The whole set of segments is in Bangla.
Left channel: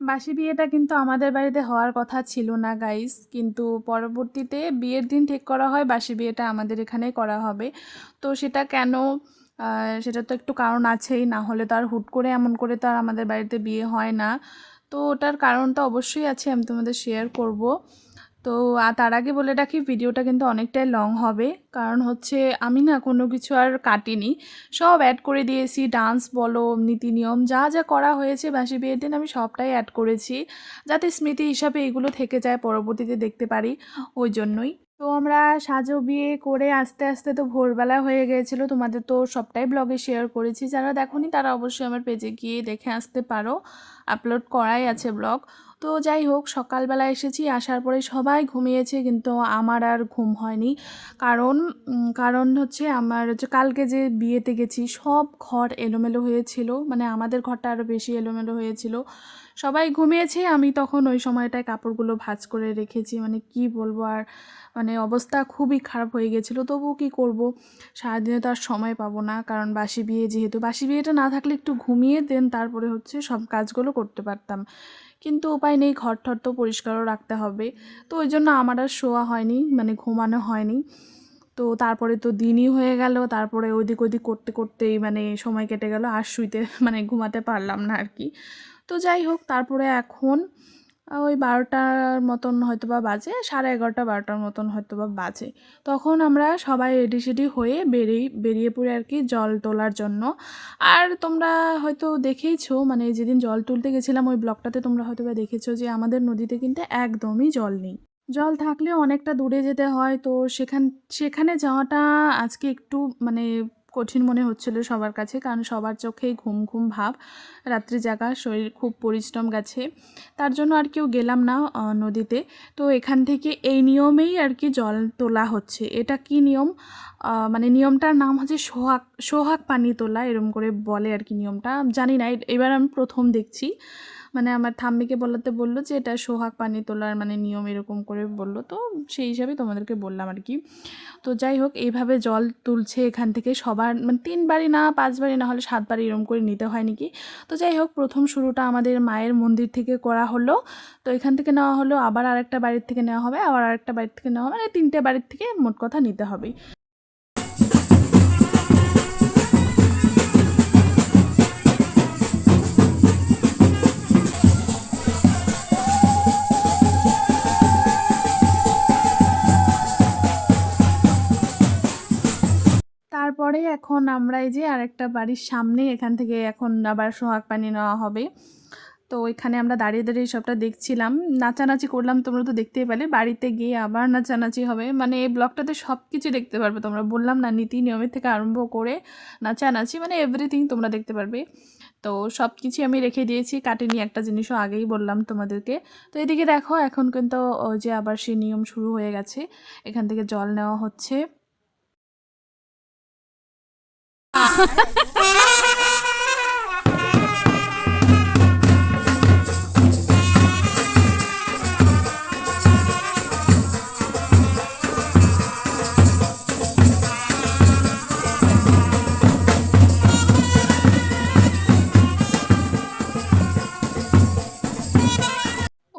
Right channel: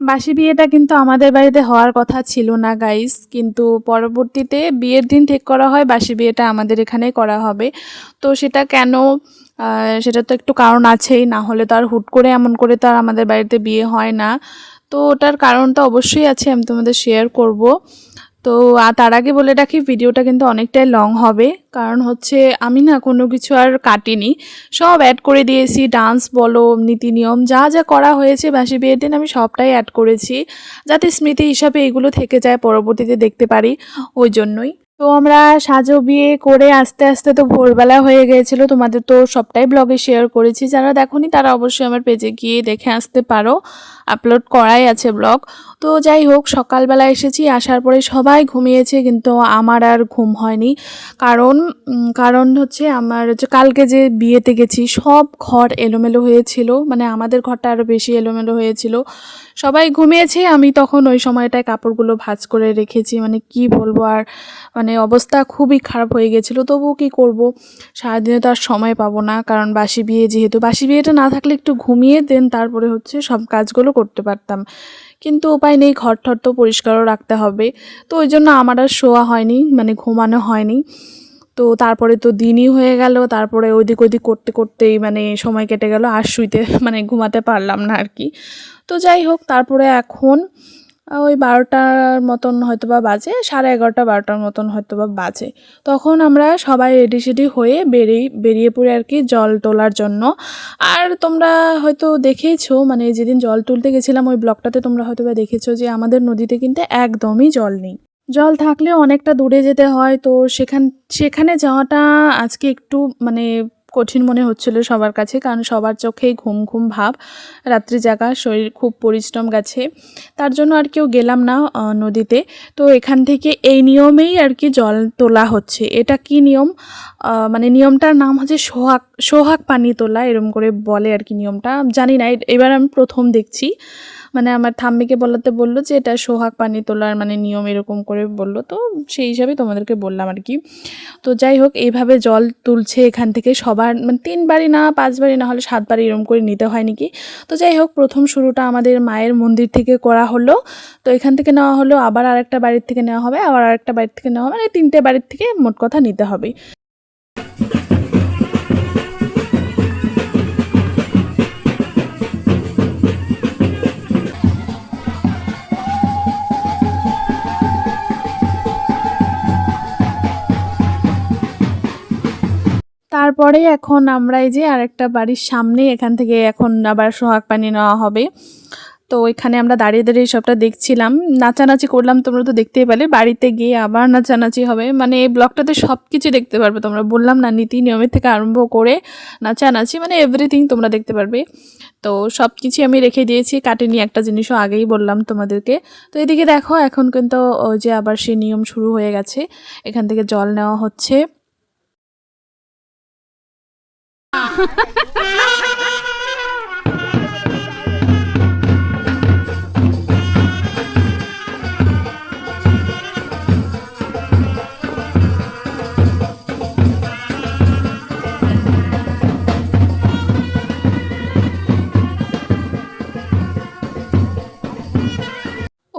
বাসি বিয়েটা কিন্তু আমাদের বাড়িতে হওয়ার কথা ছিল না গাইস, কিন্তু পরবর্তীতে বিয়ের দিন ঠিক করা হয় বাসি বিয়েটা আমাদের এখানেই করা হবে। তো সেটা কেন, সেটা তো একটু কারণ আছেই, না হলে তো আর হুট করে এমন করে তো আর আমাদের বাড়িতে বিয়ে হয় না। তো ওটার কারণটা অবশ্যই আছে, আমি তোমাদের শেয়ার করব। তো তার আগে বলে রাখি ভিডিওটা কিন্তু অনেকটাই লং হবে, কারণ হচ্ছে আমি না কোনো কিছু আর কাটিনি, সব অ্যাড করে দিয়েছি। ডান্স বলো, নীতি নিয়ম যা যা করা হয়েছে বাসি বিয়ের দিন আমি সবটাই অ্যাড করেছি, যাতে স্মৃতি হিসাবে এগুলো থেকে যায়, পরবর্তীতে দেখতে পারি, ওই জন্যই। তো আমরা সাজো বিয়ে করে আস্তে আস্তে তো ভোরবেলা হয়ে গিয়েছিল, তোমাদের তো সবটাই ব্লগে শেয়ার করেছি, যারা দেখোনি তারা অবশ্যই আমার পেজে গিয়ে দেখে আসতে পারো, আপলোড করাই আছে ব্লগ। তো যাই হোক, সকালবেলা এসেছি, আসার পরে সবাই ঘুমিয়েছে, কিন্তু আমার আর ঘুম হয়নি। কারণ কারণ হচ্ছে আমার যে কালকে যে বিয়েতে গেছি সব ঘর এলোমেলো হয়েছিল, মানে আমাদের ঘরটা আরও বেশি এলোমেলো হয়েছিল। সবাই ঘুমিয়েছে, আমি তখন ওই সময়টায় কাপড়গুলো ভাঁজ করে রেখেছি, মানে কি বলবো আর, মানে অবস্থা খুবই খারাপ হয়ে গেছিলো। তবুও কি করব, সারাদিনে তো আর সময় পাবো না, কারণ বাসি বিয়ে, যেহেতু বাসি বিয়েটা না থাকলে একটু ঘুমিয়ে দেন তারপরে হচ্ছে সব কাজগুলো করতে পারতাম, কিন্তু উপায় নেই, ঘর-টর তো পরিষ্কারও রাখতে হবে। তো ওই জন্য আমার আর শোয়া হয়নি, মানে ঘুমানো হয়নি। তো তারপরে তো দিনই হয়ে গেল, তারপরে ওদিক ওদিক করতে করতেই মানে সময় কেটে গেল, আর শুইতে মানে ঘুমাতে পারলাম না আর কি। তো যাই হোক, তারপরে এখন ওই ১২টার মতন হয়তোবা বাজে, 11:30 ১২টার মতন হয়তোবা বাজে। তখন আমরা সবাই রেডি-সেডি হয়ে বেরিয়ে পড়ি আর কি জল তোলার জন্য। আর তোমরা হয়তো দেখেইছো, মানে যেদিন জল তুলতে গেছিলাম ওই ব্লগটাতে তোমরা হয়তোবা দেখেছো যে আমাদের নদীতে কিন্তু একদমই জল নেই। জল থাকলেও অনেকটা দূরে যেতে হয়, তো সেখানে যাওয়াটা আজকে একটু মানে কঠিন মনে হচ্ছিল সবার কাছে, কারণ সবার চোখেই ঘুম ঘুম ভাব, রাত্রি জাগা, শরীর খুব পরিশ্রম গেছে, তার জন্য আর কেউ গেলাম না নদীতে। তো এখান থেকে এই নিয়মেই আর কি জল তোলা হচ্ছে। এটা কি নিয়ম, মানে নিয়মটার নাম হচ্ছে সোহাগ সোহাগ পানি তোলা, এরম করে বলে আর কি নিয়মটা, জানি না, এবার আমি প্রথম দেখছি। মানে আমার ঠাম্মিকে বললো যে এটা সোহাগ পানি তোলার মানে নিয়ম, এরকম করে বললো, তো সেই হিসাবে তোমাদেরকে বললাম আর কি। তো যাই হোক, এইভাবে জল তুলছে এখান থেকে সবার, মানে 3 বাড়ি না 5 বাড়ি না হলে 7 বাড়ি এরকম করে নিতে হয় নাকি। তো যাই হোক, প্রথম শুরুটা আমাদের মায়ের মন্দির থেকে করা হলো। তো এখান থেকে নেওয়া হলো, আবার আরেকটা বাড়ির থেকে নেওয়া হবে, আবার আরেকটা বাড়ির থেকে নেওয়া হবে, মানে 3টে বাড়ির থেকে মোট কথা নিতে হবে। তারপরে এখন আমরা এই যে আরেকটা বাড়ির সামনেই, এখান থেকে এখন আবার সোহাগ পানি নেওয়া হবে। তো এখানে আমরা দাঁড়িয়ে দাঁড়িয়ে সবটা দেখছিলাম, নাচানাচি করলাম, তোমরা তো দেখতেই পেলে। বাড়িতে গিয়ে আবার নাচানাচি হবে, মানে এই ব্লগটাতে সব কিছু দেখতে পারবে তোমরা, বললাম না, নীতি নিয়মের থেকে আরম্ভ করে নাচানাচি, মানে এভরিথিং তোমরা দেখতে পারবে। তো সব কিছুই আমি রেখে দিয়েছি, কাটিনি একটা জিনিসও, আগেই বললাম তোমাদেরকে। তো এদিকে দেখো, এখন কিন্তু ওই যে আবার সেই নিয়ম শুরু হয়ে গেছে, এখান থেকে জল নেওয়া হচ্ছে।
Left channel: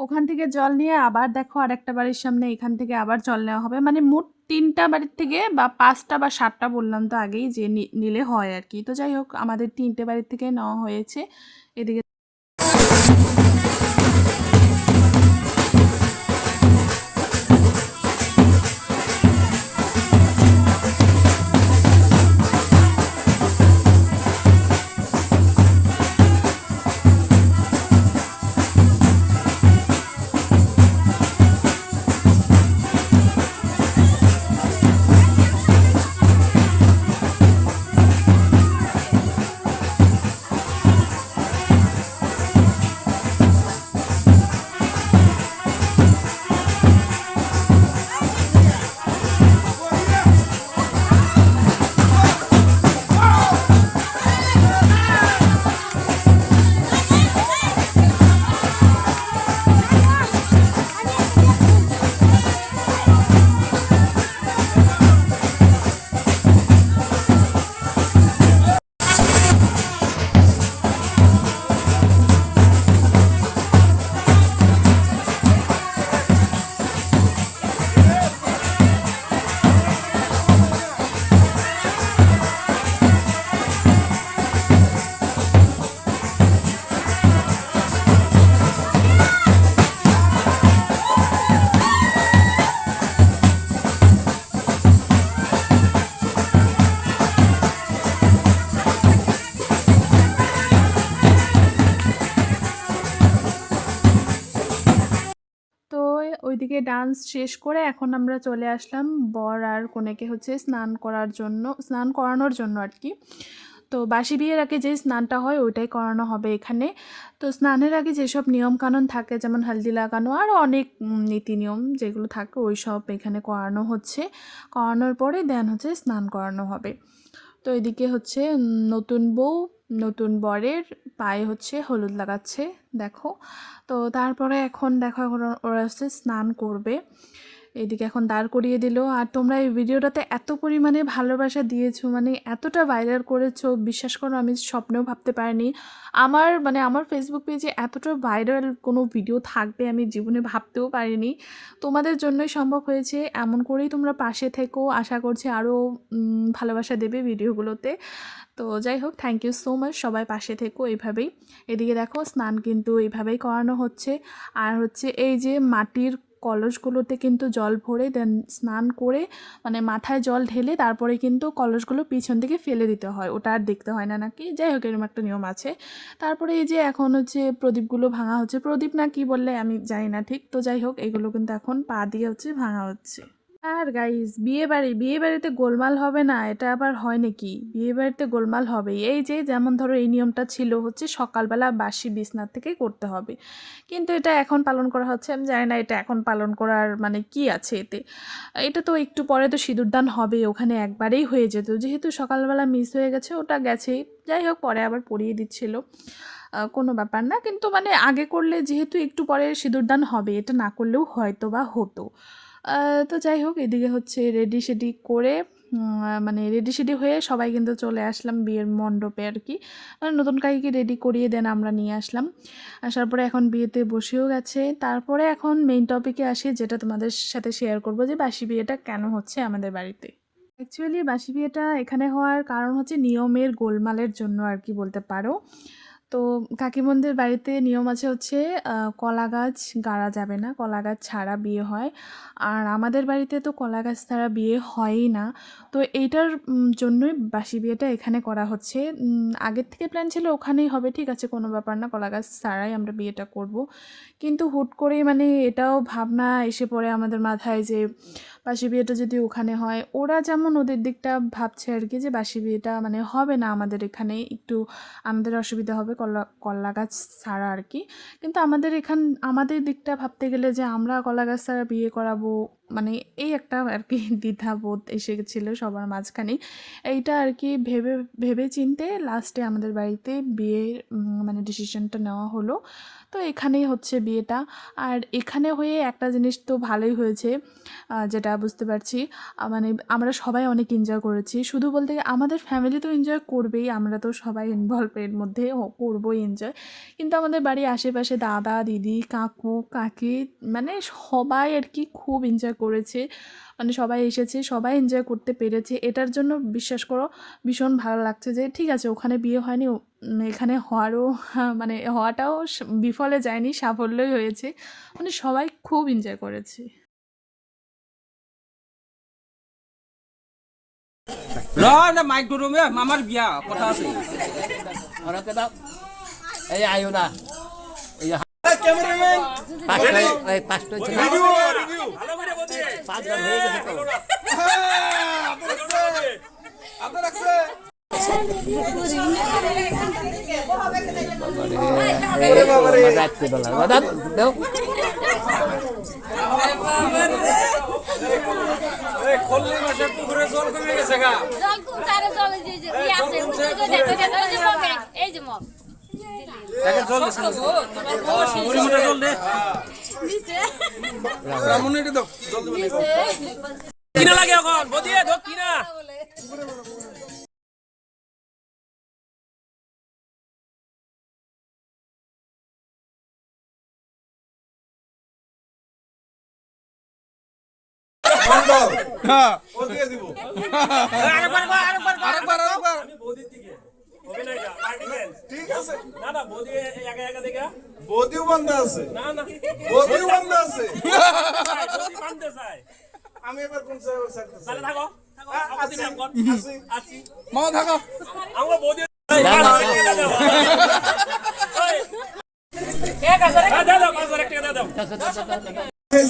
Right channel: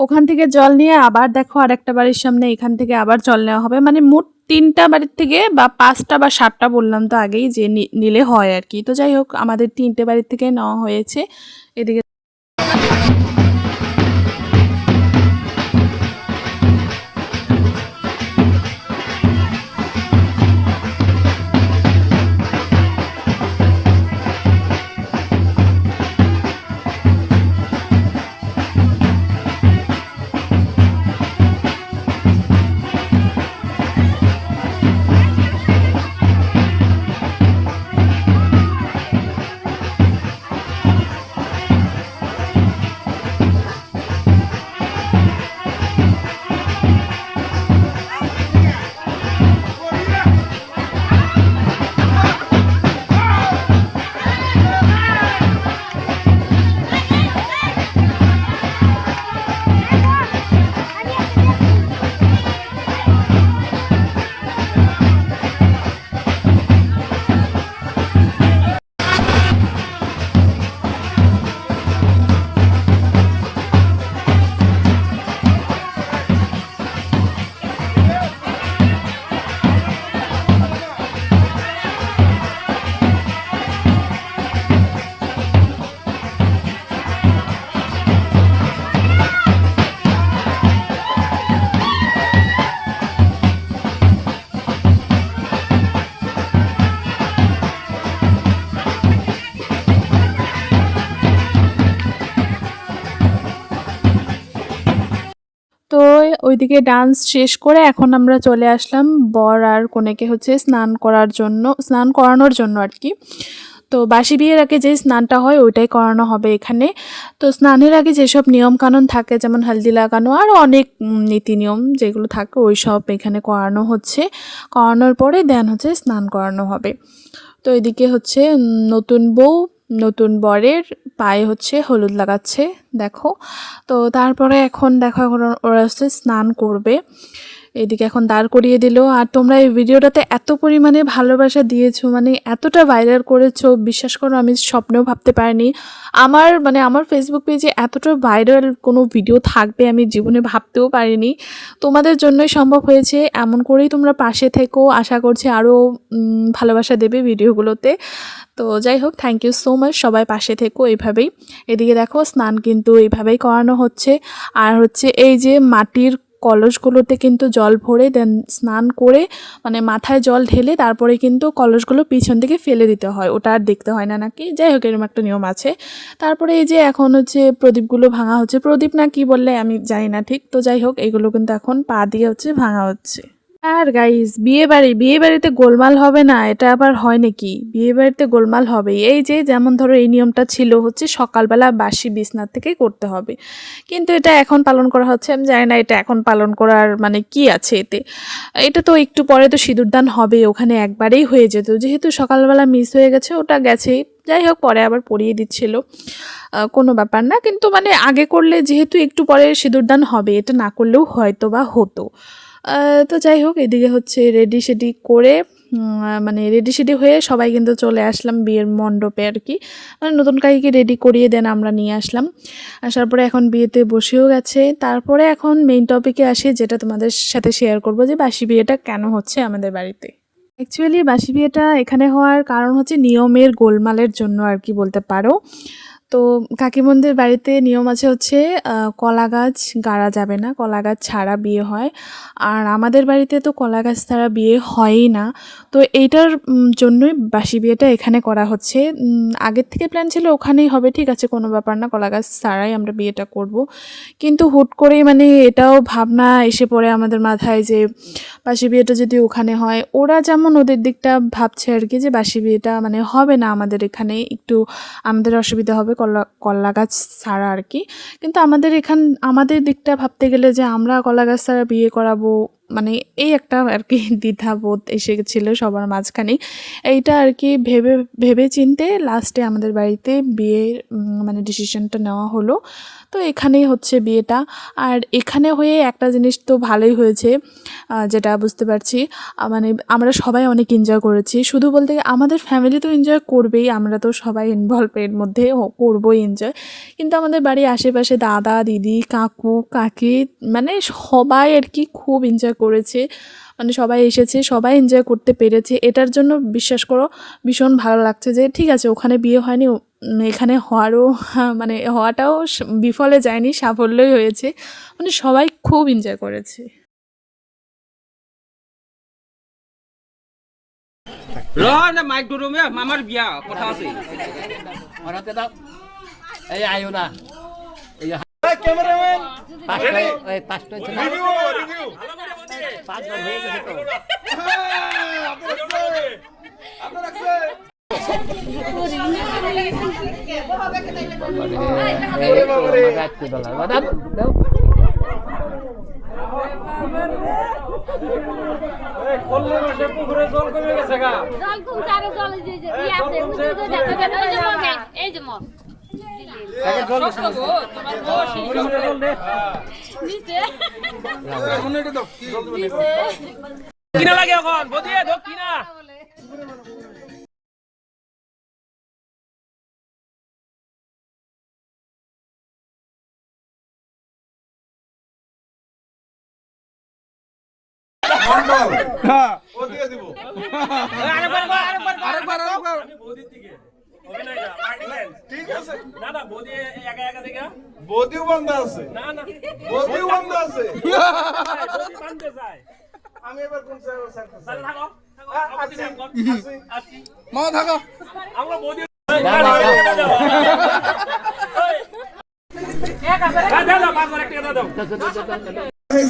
ওখান থেকে জল নিয়ে আবার দেখো আরেকটা বাড়ির সামনে, এখান থেকে আবার জল নেওয়া হবে, মানে মোট 3টা বাড়ির থেকে বা 5টা বা 7টা বললাম তো আগেই যে নিলে হয় আর কি। তো যাই হোক, আমাদের 3টে বাড়ির থেকে নেওয়া হয়েছে। এদিকে ওইদিকে ডান্স শেষ করে এখন আমরা চলে আসলাম বর আর কনেকে হচ্ছে স্নান করানোর জন্য আর কি। তো বাসি বিয়ের আগে যে স্নানটা হয় ওইটাই করানো হবে এখানে। তো স্নানের আগে যেসব নিয়মকানুন থাকে যেমন হলদি লাগানো আরও অনেক নীতি নিয়ম যেগুলো থাকে ওই সব এখানে করানো হচ্ছে। করানোর পরে দেন হচ্ছে স্নান করানো হবে। তো এদিকে হচ্ছে নতুন বউ নতুন বরের পায়ে হচ্ছে হলুদ লাগাচ্ছে দেখো। তো তারপরে এখন দেখো এখন ওরা হচ্ছে স্নান করবে। এদিকে এখন দাঁড় করিয়ে দিল। আর তোমরা এই ভিডিওটাতে এত পরিমাণে ভালোবাসা দিয়েছো, মানে এতটা ভাইরাল করেছো, বিশ্বাস করো আমি স্বপ্নেও ভাবতে পারিনি। আমার ফেসবুক পেজে এতটা ভাইরাল কোনো ভিডিও থাকবে আমি জীবনে ভাবতেও পারিনি। তোমাদের জন্যই সম্ভব হয়েছে। এমন করেই তোমরা পাশে থেকো, আশা করছি আরও ভালোবাসা দেবে ভিডিওগুলোতে। তো যাই হোক, থ্যাংক ইউ সো মাচ, সবাই পাশে থেকো এইভাবেই। এদিকে দেখো স্নান কিন্তু এইভাবেই করানো হচ্ছে। আর হচ্ছে এই যে মাটির কলসগুলোতে কিন্তু জল ভরে দেন স্নান করে, মানে মাথায় জল ঢেলে তারপরে কিন্তু কলসগুলো পিছন থেকে ফেলে দিতে হয়, ওটা আর দেখতে হয় না নাকি, যাই হোক এরকম একটা নিয়ম আছে। তারপরে এই যে এখন হচ্ছে প্রদীপগুলো ভাঙা হচ্ছে, প্রদীপ না কি বললে আমি জানি না ঠিক, তো যাই হোক এগুলো কিন্তু এখন পা দিয়ে হচ্ছে ভাঙা হচ্ছে। আর গাইস বিয়ে বাড়িতে গোলমাল হবে না, এটা আবার হয় নাকি? বিয়ে বাড়িতে গোলমাল হবে। এই যে যেমন ধরো এই নিয়মটা ছিল হচ্ছে সকালবেলা বাসি বিছনা থেকে করতে হবে, কিন্তু এটা এখন পালন করা হচ্ছে। আমি জানি না এটা এখন পালন করার মানে কি আছে এতে। এটা তো একটু পরে তো সিঁদুরদান হবে, ওখানে একবারেই হয়ে যেত, যেহেতু সকালবেলা মিস হয়ে গেছে ওটা গেছেই। যাই হোক পরে আবার পরিয়ে দিচ্ছিল, কোনো ব্যাপার না। কিন্তু মানে আগে করলে যেহেতু একটু পরে সিঁদুরদান হবে, এটা না করলেও হয়তো বা হতো। তো যাই হোক এদিকে হচ্ছে রেডি সেডি করে মানে রেডি সেডি হয়ে সবাই কিন্তু চলে আসলাম বিয়ের মণ্ডপে আর কি। মানে নতুন কাকিকে রেডি করিয়ে দেন আমরা নিয়ে আসলাম। আসার পরে এখন বিয়েতে বসেও গেছে। তারপরে এখন মেইন টপিকে আসি, যেটা তোমাদের সাথে শেয়ার করবো যে বাসি বিয়েটা কেন হচ্ছে আমাদের বাড়িতে। অ্যাকচুয়ালি বাসি বিয়েটা এখানে হওয়ার কারণ হচ্ছে নিয়মের গোলমালের জন্য আর কি বলতে পারো। তো কাকিমুনদের বাড়িতে নিয়ম আছে হচ্ছে কলা গাছ গাড়া যাবে না, কলা গাছ ছাড়া বিয়ে হয়। আর আমাদের বাড়িতে তো কলা গাছ ছাড়া বিয়ে হয়ই না। তো এইটার জন্যই বাসি বিয়েটা এখানে করা হচ্ছে। আগের থেকে প্ল্যান ছিল ওখানেই হবে, ঠিক আছে কোনো ব্যাপার না, কলা গাছ ছাড়াই আমরা বিয়েটা করব। কিন্তু হুট করেই মানে এটাও ভাবনা এসে পড়ে আমাদের মাথায় যে বাসি বিয়েটা যদি ওখানে হয়, ওরা যেমন ওদের দিকটা ভাবছে আর কি যে বাসি বিয়েটা মানে হবে না আমাদের এখানে, একটু আমাদের অসুবিধা হবে কলা গাছ ছাড়া আর কি। কিন্তু আমাদের দিকটা ভাবতে গেলে যে আমরা কলা গাছ ছাড়া বিয়ে করাবো, মানে এই একটা আর কি দ্বিধাবোধ এসে গেছিলো সবার মাঝখানে। এইটা আর কি ভেবে ভেবে চিনতে লাস্টে আমাদের বাড়িতে বিয়ের মানে ডিসিশনটা নেওয়া হলো। তো এখানেই হচ্ছে বিয়েটা। আর এখানে হয়ে একটা জিনিস তো ভালোই হয়েছে, যেটা বুঝতে পারছি, মানে আমরা সবাই অনেক এনজয় করেছি। শুধু বলতে আমাদের ফ্যামিলি তো এনজয় করবেই, আমরা তো সবাই ইনভলভ এর মধ্যে করবোই এনজয়। কিন্তু আমাদের বাড়ির আশেপাশে দাদা দিদি কাকু কাকি মানে সবাই আর কি খুব এনজয় করেছে। মানে সবাই এসেছে, সবাই এনজয় করতে পেরেছে, এটার জন্য বিশ্বাস করো ভীষণ ভালো লাগছে যে ঠিক আছে ওখানে বিয়ে হয়নি, এখানে হওয়ারও মানে হওয়াটাও বিফলে যায়নি, সাফল্যই হয়েছে। মানে সবাই খুব এনজয় করেছে। মাইক ধরুমে মামার বিয়া কথা আছে এই আয়ো না ক্যামেরাম্যান পাঁচবার হয়ে গেছে তো পুকুরে জল কমে গেছে গা জল কমছে আরে জল ই আছে এই যে মগে এই যে মগ তাকে জল দে মুড়ি মুড়ে জল দে নিচে মুড়ি দে দাও কিনা লাগে এখন বদিয়ে দো কিনা মন্ডল হ্যাঁ ও দিয়ে দিব আরেকবার আমি বদির থেকে হবে না এটা পার্টি ড্যান্স ঠিক আছে না না বদি একা একা দেখা বদিও বন্ধ আছে না না বদিও বন্ধ আছে বদি বাঁধতে চাই আমি এবার কোন সাইড সারতে থাকো আসি মা থাকো আমরা বদি এক আছে দাও 5 টাকা দাও কই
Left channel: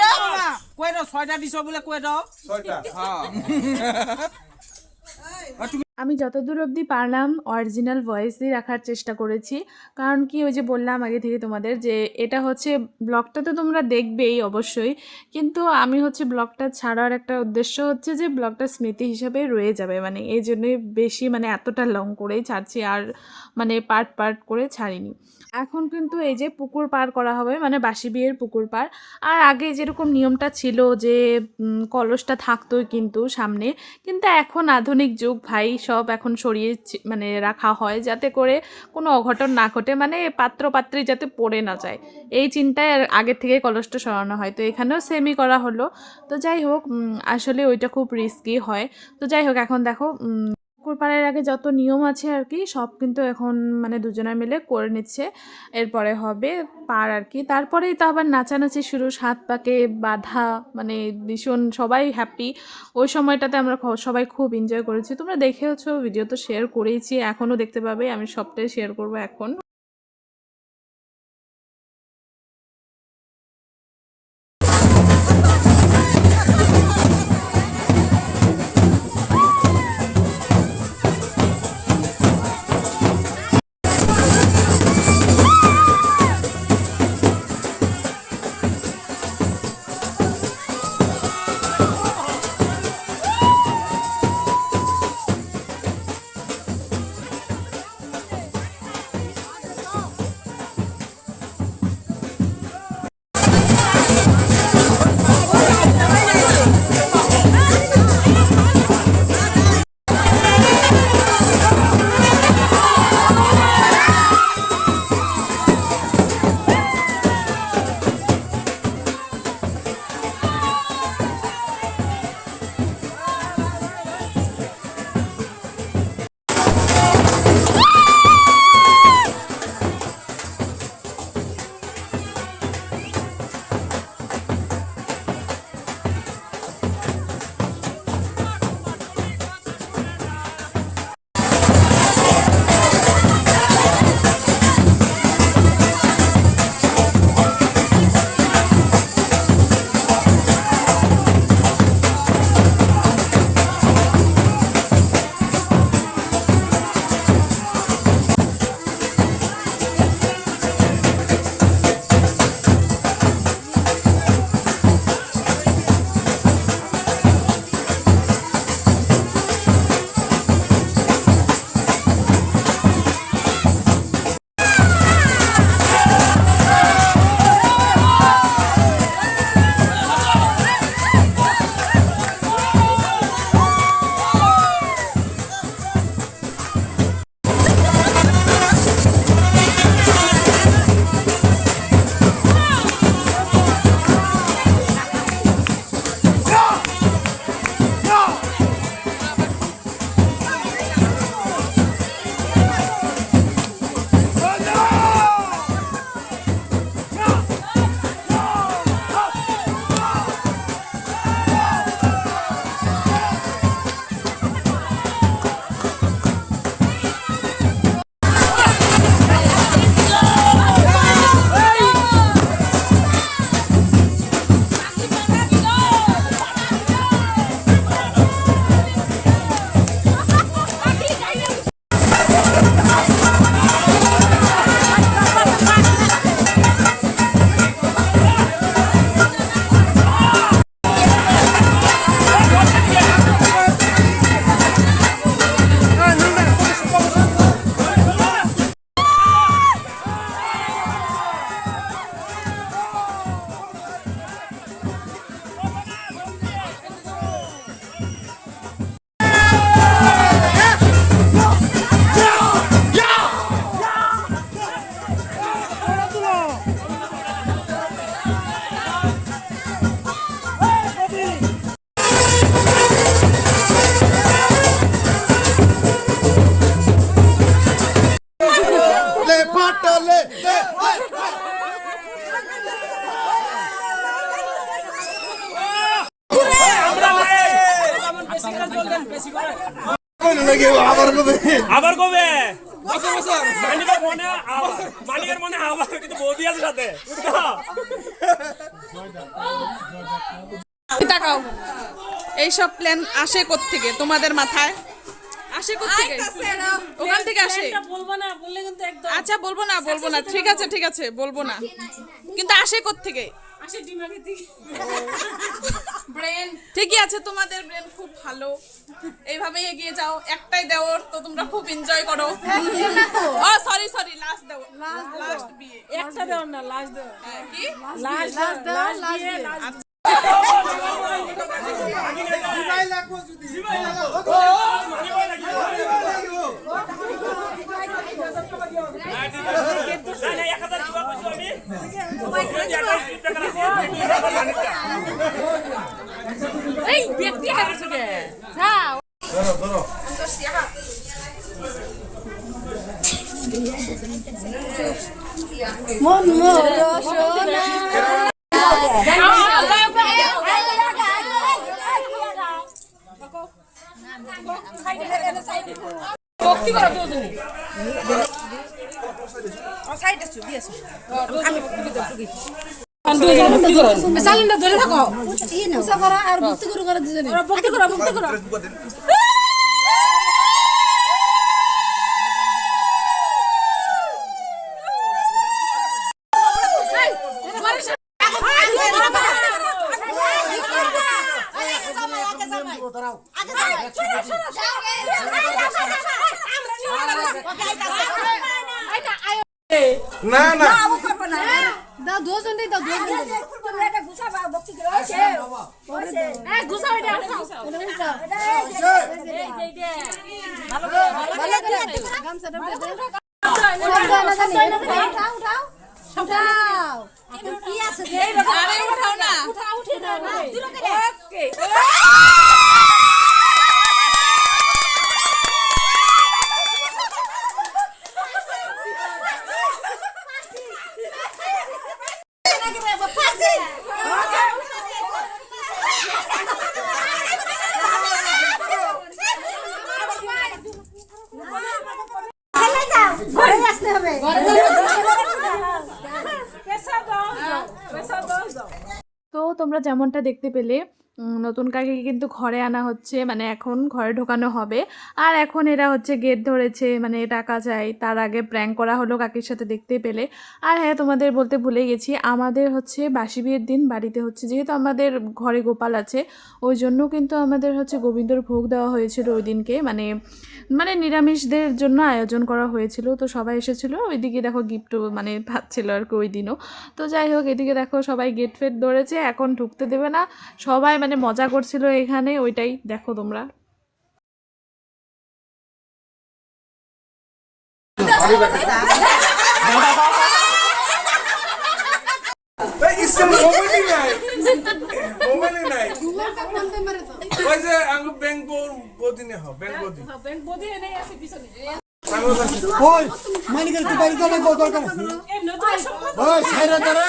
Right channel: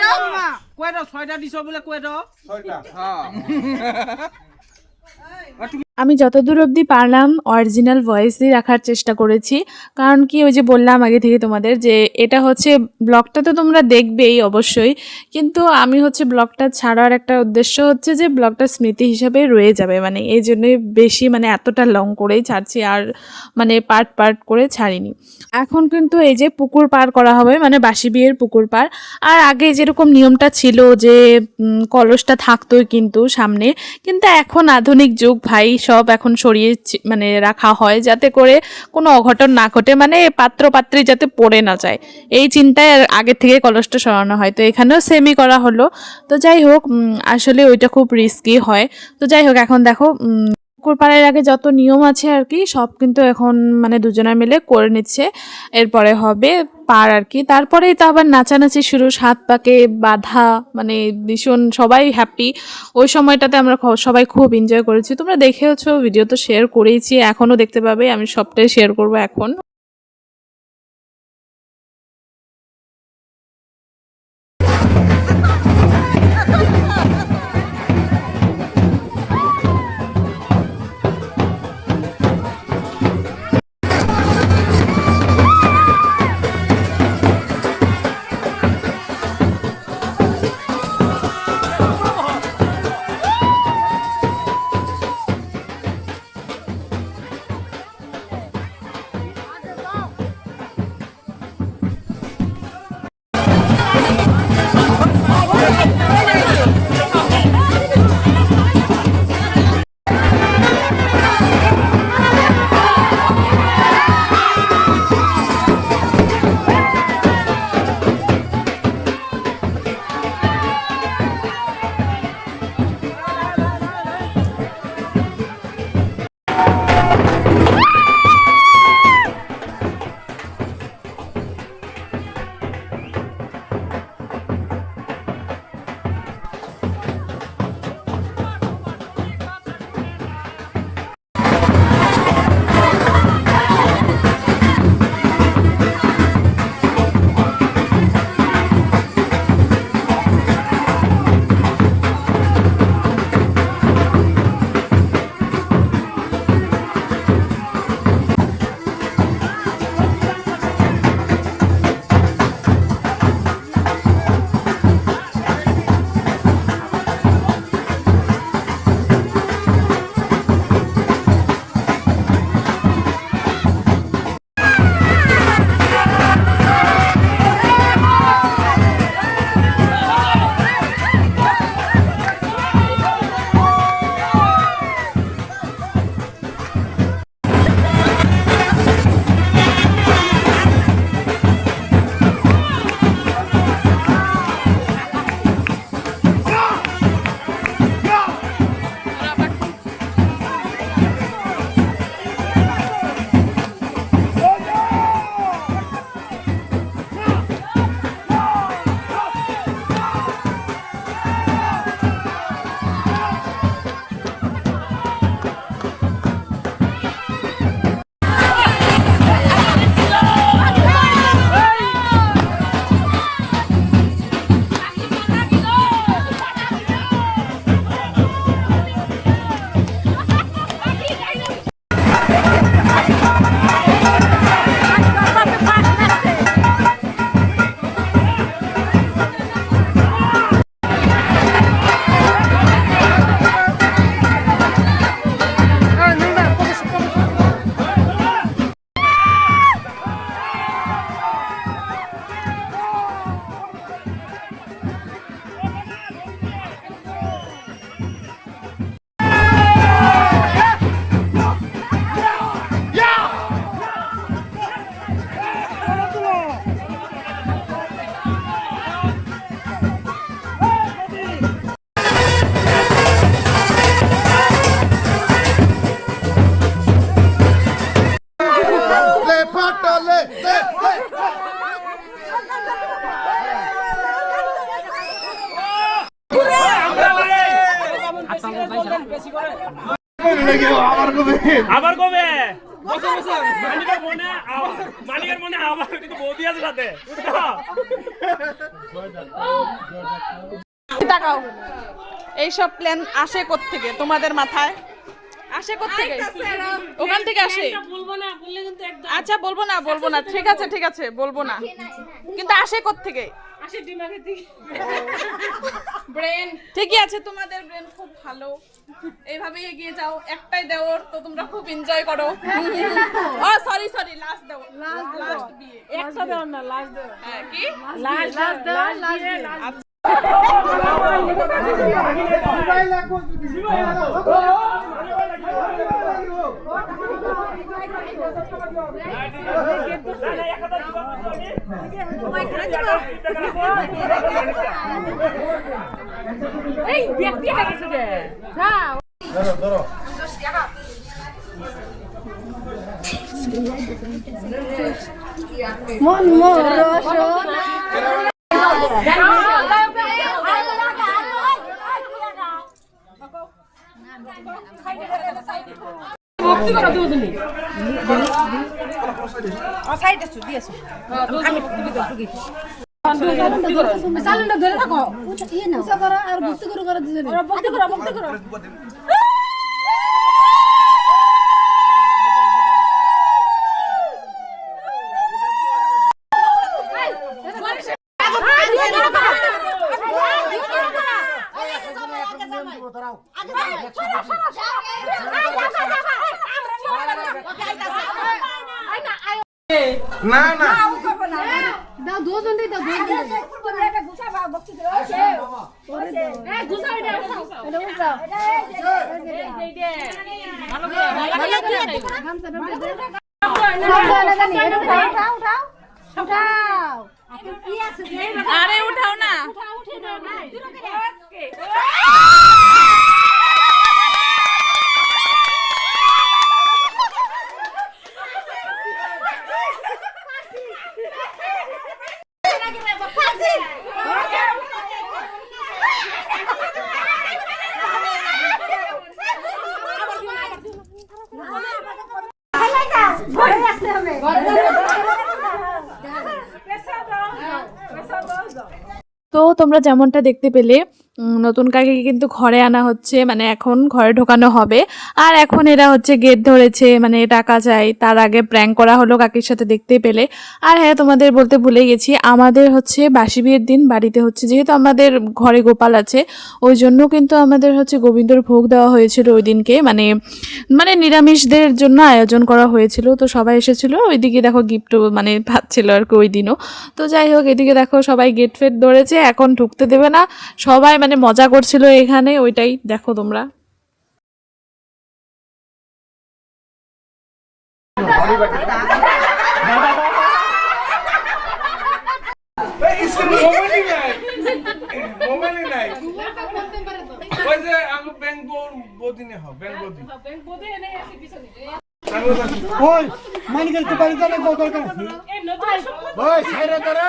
দাও মামা কই দাও 6টা দিছো বলে কই দাও 6টা হ্যাঁ আমি যতদূর অবধি পারলাম অরিজিনাল ভয়েসই রাখার চেষ্টা করেছি, কারণ কি ওই যে বললাম আগে থেকে তোমাদের যে এটা হচ্ছে ব্লগটা তো তোমরা দেখবেই অবশ্যই, কিন্তু আমি হচ্ছে ব্লগটা ছাড়ার একটা উদ্দেশ্য হচ্ছে যে ব্লগটা স্মৃতি হিসাবে রয়ে যাবে, মানে এই জন্যই বেশি মানে এতটা লং করেই ছাড়ছি, আর মানে পার্ট পার্ট করে ছাড়িনি। এখন কিন্তু এই যে পুকুর পার করা হবে, মানে বাসি বিয়ের পুকুর পার। আর আগে যেরকম নিয়মটা ছিল যে কলসটা থাকতোই কিন্তু সামনে, কিন্তু এখন আধুনিক যুগ ভাই, সব এখন সরিয়ে মানে রাখা হয় যাতে করে কোনো অঘটন না ঘটে, মানে পাত্র পাত্রী যাতে পড়ে না যায়, এই চিন্তায় আগে থেকে কলসটা সরানো হয়। তো এখানেও সেমই করা হলো। তো যাই হোক, আসলে ওইটা খুব রিস্কি হয়। তো যাই হোক, এখন দেখো পুকুর পাড়ের আগে যত নিয়ম আছে আর কি সব কিন্তু এখন মানে দুজনে মিলে করে নিচ্ছে। এরপরে হবে পার আর কি, তারপরেই তো আবার নাচানাচি শুরু, সাত পাকে বাঁধা, মানে ভীষণ সবাই হ্যাপি। ওই সময়টাতে আমরা সবাই খুব এনজয় করেছি, তোমরা দেখেওছো, ভিডিও তো শেয়ার করেইছি, এখনও দেখতে পাবে, আমি সবটাই শেয়ার করবো এখন। আবার কবে মানিকের মনে আবার মানিকের মনে আবার কিন্তু বৌদি আছে সাথে তাকাও এইসব প্ল্যান আসে কোত্থেকে তোমাদের মাথায় আসে কোত্থেকে ওখান থেকে আসে আচ্ছা বলবো না ঠিক আছে বলবো না কিন্তু আসে কোত্থেকে ব্রেন ঠিকই আছে তোমাদের ব্রেন খুব ভালো এইভাবেই এগিয়ে যাও একটাই দেওর তো তোমরা খুব এনজয় করো ও সরি লাস্ট দেওর লাস্ট বিয়ে একটা দেওর না লাস্ট দেওর হ্যাঁ কি লাস্ট এই ব্যক্তি হারাছো কে যাও মন মোর সোনা ভক্তি করা দুজনে সাইড আছে দিয়েছো সালেন্ডার ধরে থাকো ইয়ে নাও সাফারা আর ভক্তি করে দুজনে ভক্তি করো না দাও দুজন দাও এটা গুছা ভক্তি করে এই গুছা এটা উঠাও এটা উঠাও এই দে ভালো করে গামছা দে সব না জানি এটা উঠাও আপনি কি আছে আরে উঠাও না উঠে দাও ওকে তো তোমরা যেমনটা দেখতে পেলে নতুন কাকিকে কিন্তু ঘরে আনা হচ্ছে মানে এখন ঘরে ঢোকানো হবে আর এখন এরা হচ্ছে গেট ধরেছে মানে টাকা চাই তার আগে প্র্যাঙ্ক করা হলো কাকির সাথে দেখতে পেলে আর হ্যাঁ তোমাদের বলতে ভুলে গেছি আমাদের হচ্ছে বাসি বিয়ের দিন বাড়িতে হচ্ছে যেহেতু আমাদের ঘরে গোপাল আছে ওই জন্য কিন্তু আমাদের হচ্ছে গোবিন্দর ভোগ দেওয়া হয়েছিল ওই দিনকে মানে নিরামিষদের জন্য আয়োজন করা হয়েছিল তো সবাই এসেছিলো ওইদিকে দেখো গিফটও মানে পাচ্ছিল আর কি ওই দিনও তো যাই হোক এদিকে দেখো সবাই গেট ফেট ধরেছে এখন ঢুকতে দেবে না সবাই মানে মজা করছিল এখানে ওইটাই দেখো তোমরা इसका मोबाइल ही नहीं ওই যে আমি ব্যাংক বদি নে ব্যাংক বদি ওই মানিকের তো বাড়ি যাবে গোল করে ওই ছাইরা ধরে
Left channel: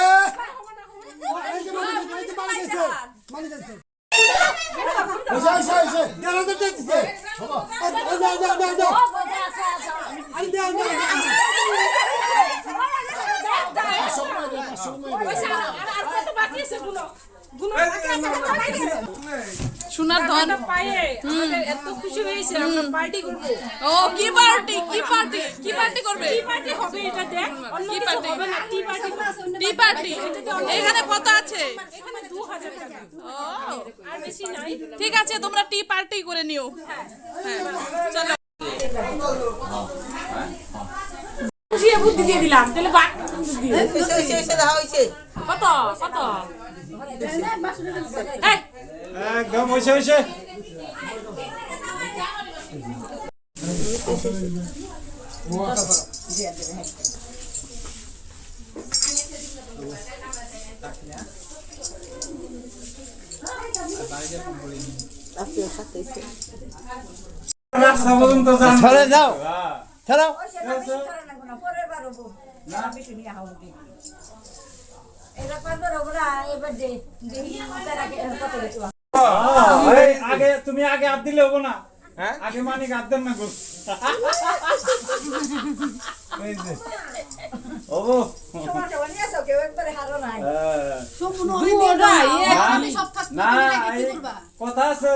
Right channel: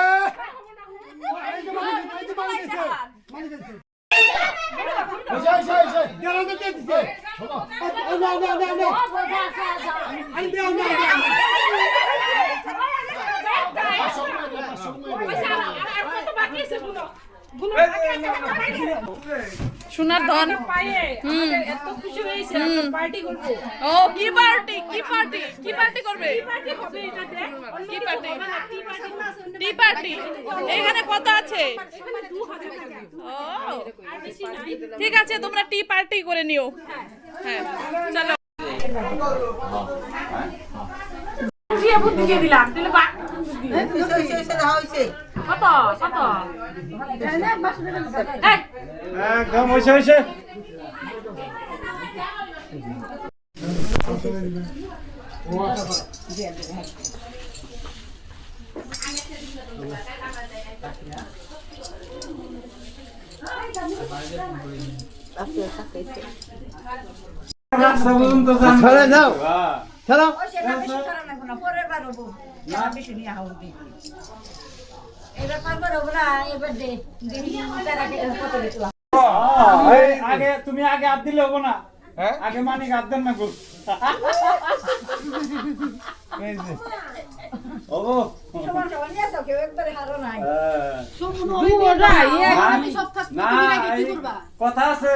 সোনার ধন ও কি পার্টি করবে টি পার্টি এখানে কত আছে ও ঠিক আছে তোমরা টি পার্টি করে নিও হ্যাঁ চলো বুদ্ধি দিয়ে দিলাম তাহলে কত একদম হইছে ছাড়ে যাও ছাড়াও আগে তুমি আগে হাত দিলে হবো না হ্যাঁ আগে মানিক হাত দেন না গো এই যে ও সম্পূর্ণ হয়ে গেল। না এই কথা আছে